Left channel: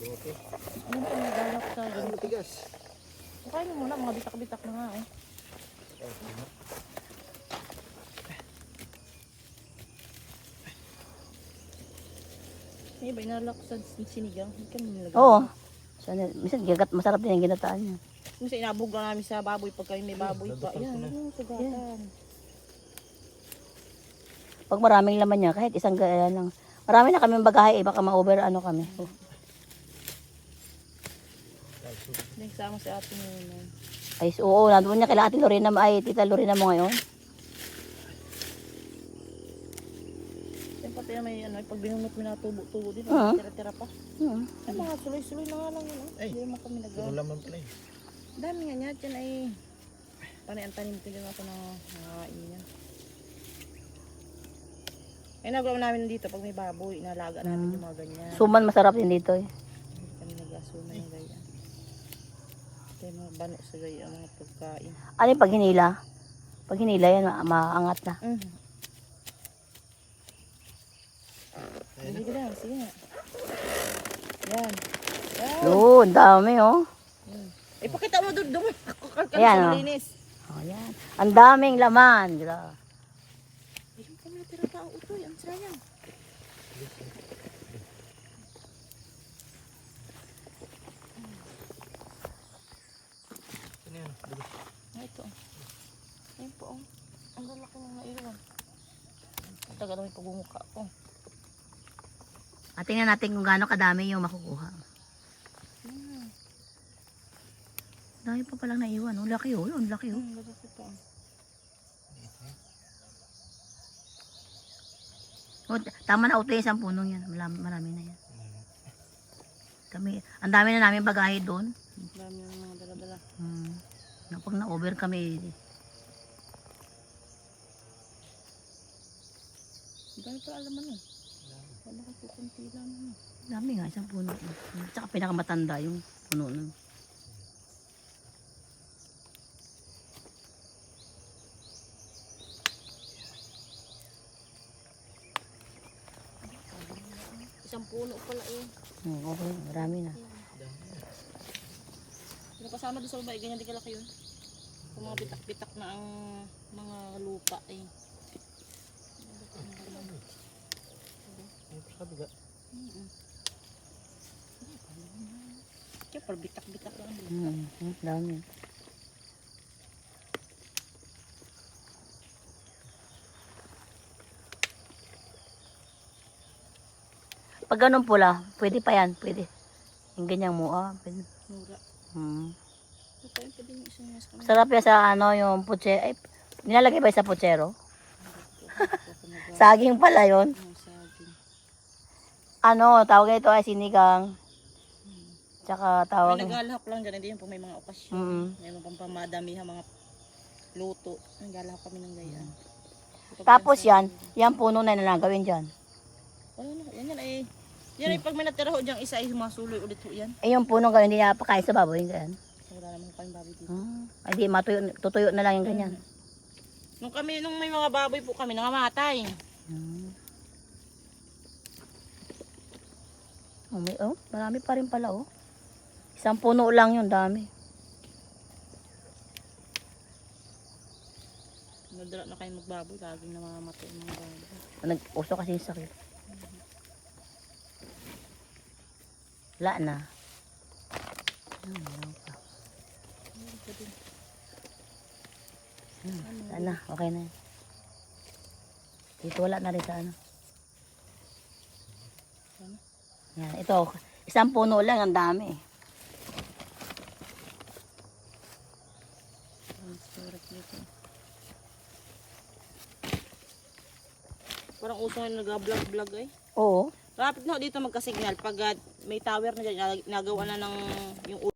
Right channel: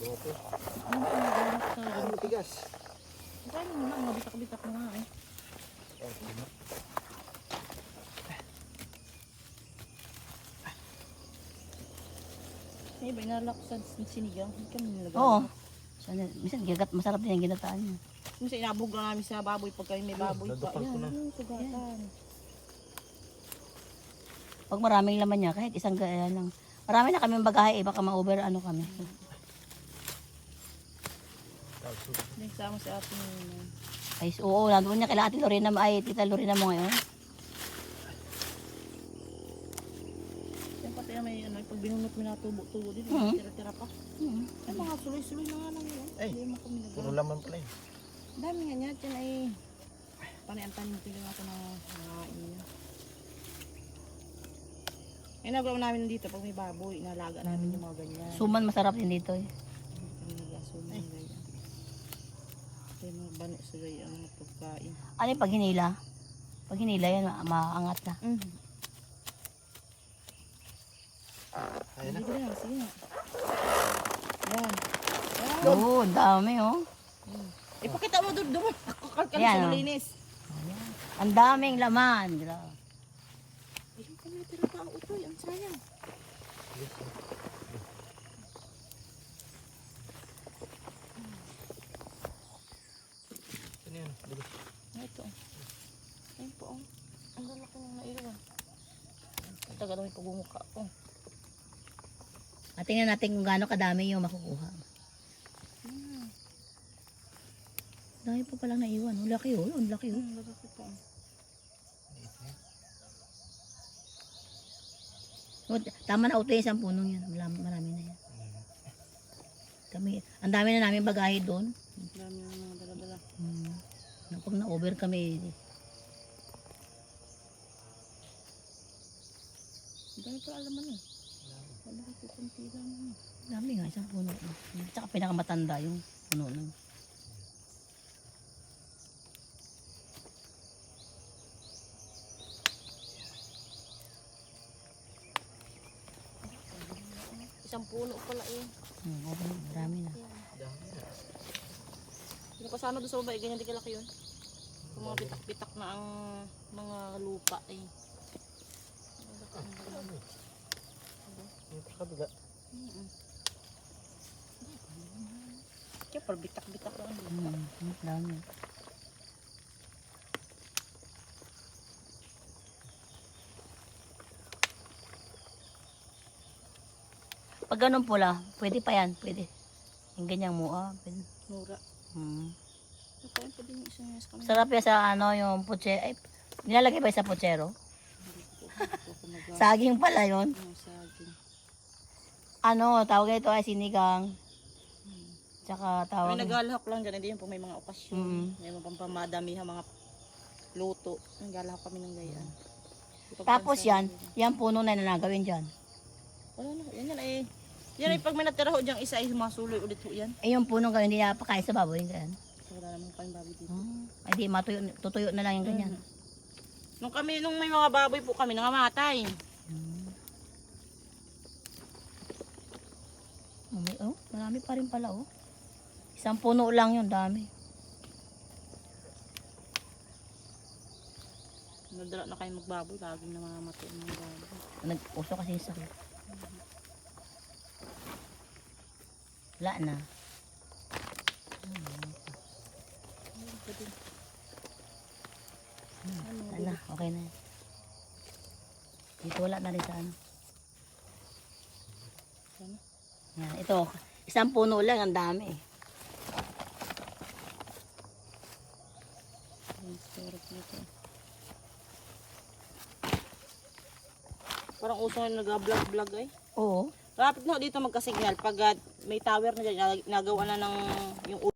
Okay. Ano ba ang naglalak sa Ano ganito? tigas? Kain mo na, mga bitak-bitak na nga eh. Okay. na. May iba inalak sa sinigang. Hindi kami nilagay. Oo. Sana, minsan gagat, masarap din yung ginataan niya. Minsan inabog na namin sa baboy pag kami may baboy pa. ko Yan, yung sugatan. Pag maraming laman niya, kahit isang gaya lang. Marami na kami bagahe, eh, baka ma-over ano kami. Hindi sama sa ating yun. Ay, oo, nandun niya kila ate Lorena, ay tita Lorena mo ngayon. Yan pati na may ano, pag binunot mo na tubo-tubo din, Ah. tira-tira pa. Hmm. Ay, mga suloy-suloy na nga lang yun. oh. Ay. Hindi naman kami nag Puro laman pala eh. Dami nga niya, dyan ay panay ang tanim ko din ako na nangain niya. Ay, nagawa namin dito pag may baboy, inalaga namin yung mga ganyan. Suman masarap din dito eh. Hindi kami nag-asuma ng ganyan. Yung mga bano sa ganyan, mga pagkain. Ano yung pag hinila? Pag hinila yan, ma- maangat na. Mm. Ayun na. Sige lang, sige nga. Yan. Yan. Oo, ang dami oh. Mm. Ipakita mo doon, doon. Kakalkan Ayan, sa oh. malinis. Ayan. Ang daming laman. Grabe. Ayun pa may tira pa ang utoy, ang sayang. Ano yan? Dulo. Ah, ito. Ayun po, oh. Ang lalaki ng naiwan. Ang tagal na may pagmumukha ko. At tingnan natin kung gaano kadami yung makukuha. Hmm. Dami pa palang naiwan. Ang laki oh. Ang laki oh. Hmm, lalaki po. oh tama na uto yung isang puno yan. Marami, marami na yan. Kami, ang dami na namin bagahe doon. Ang dami ng mga dala-dala. Hmm. Na Pag na-over kami, Pa alaman eh. Wala ko kunti lang. eh. dami nga isang puno. Tsaka pinakamatanda yung puno nun. Isang puno pala eh. Hmm, okay, marami na. Dami kasama doon sa baba, eh, ganyan din kalaki yun. Yung mga pitak-pitak na ang mga lupa eh. Yung sa kabila. Kaya parang bitak-bitak lang. Hmm, dami. Pag ganun pula, pwede pa yan, pwede. Yung ganyang mua, pwede. Mura. Hmm. Sarap yan sa ano, yung putse, ay, nilalagay ba sa putsero? Ito Saging pala yon. Ano, saging. Ano, tawag nito ay sinigang. Tsaka May tawag, naglalahok lang dyan, hindi yun po may mga okasyon. Mm. May mga pampamadamihan, mga luto. Naglalahok kami ng gayaan. tapos yan, yan puno na lang gawin dyan. Wala na, yan yan ay. Yan ay pag may natira ho dyan, isa ay masuloy ulit ho yan. Eh yung puno gawin, hindi na pakain sa baboy, ganyan. Wala naman kami baboy dito. Hmm. Ay di, matuyo, tutuyo na lang yung ganyan. Nung kami, nung may mga baboy po kami, nangamatay. Hmm. Oh, may, oh, marami pa rin pala, oh. Isang puno lang yun, dami. Nadala na kayo magbaboy, laging namamatay ang mga baboy. Nag-uso kasi yung sakit. Wala na. Meron pa din. Hmm, Ano, na, okay na. yan. Dito wala na rin sa ano. Yan, ito, isang puno lang, ang dami. Nito. Parang uso nga nag-vlog-vlog ay. Oo. Rapid na dito magka-signal. Pag ah, may tower na dyan, nag- nagawa na ng yung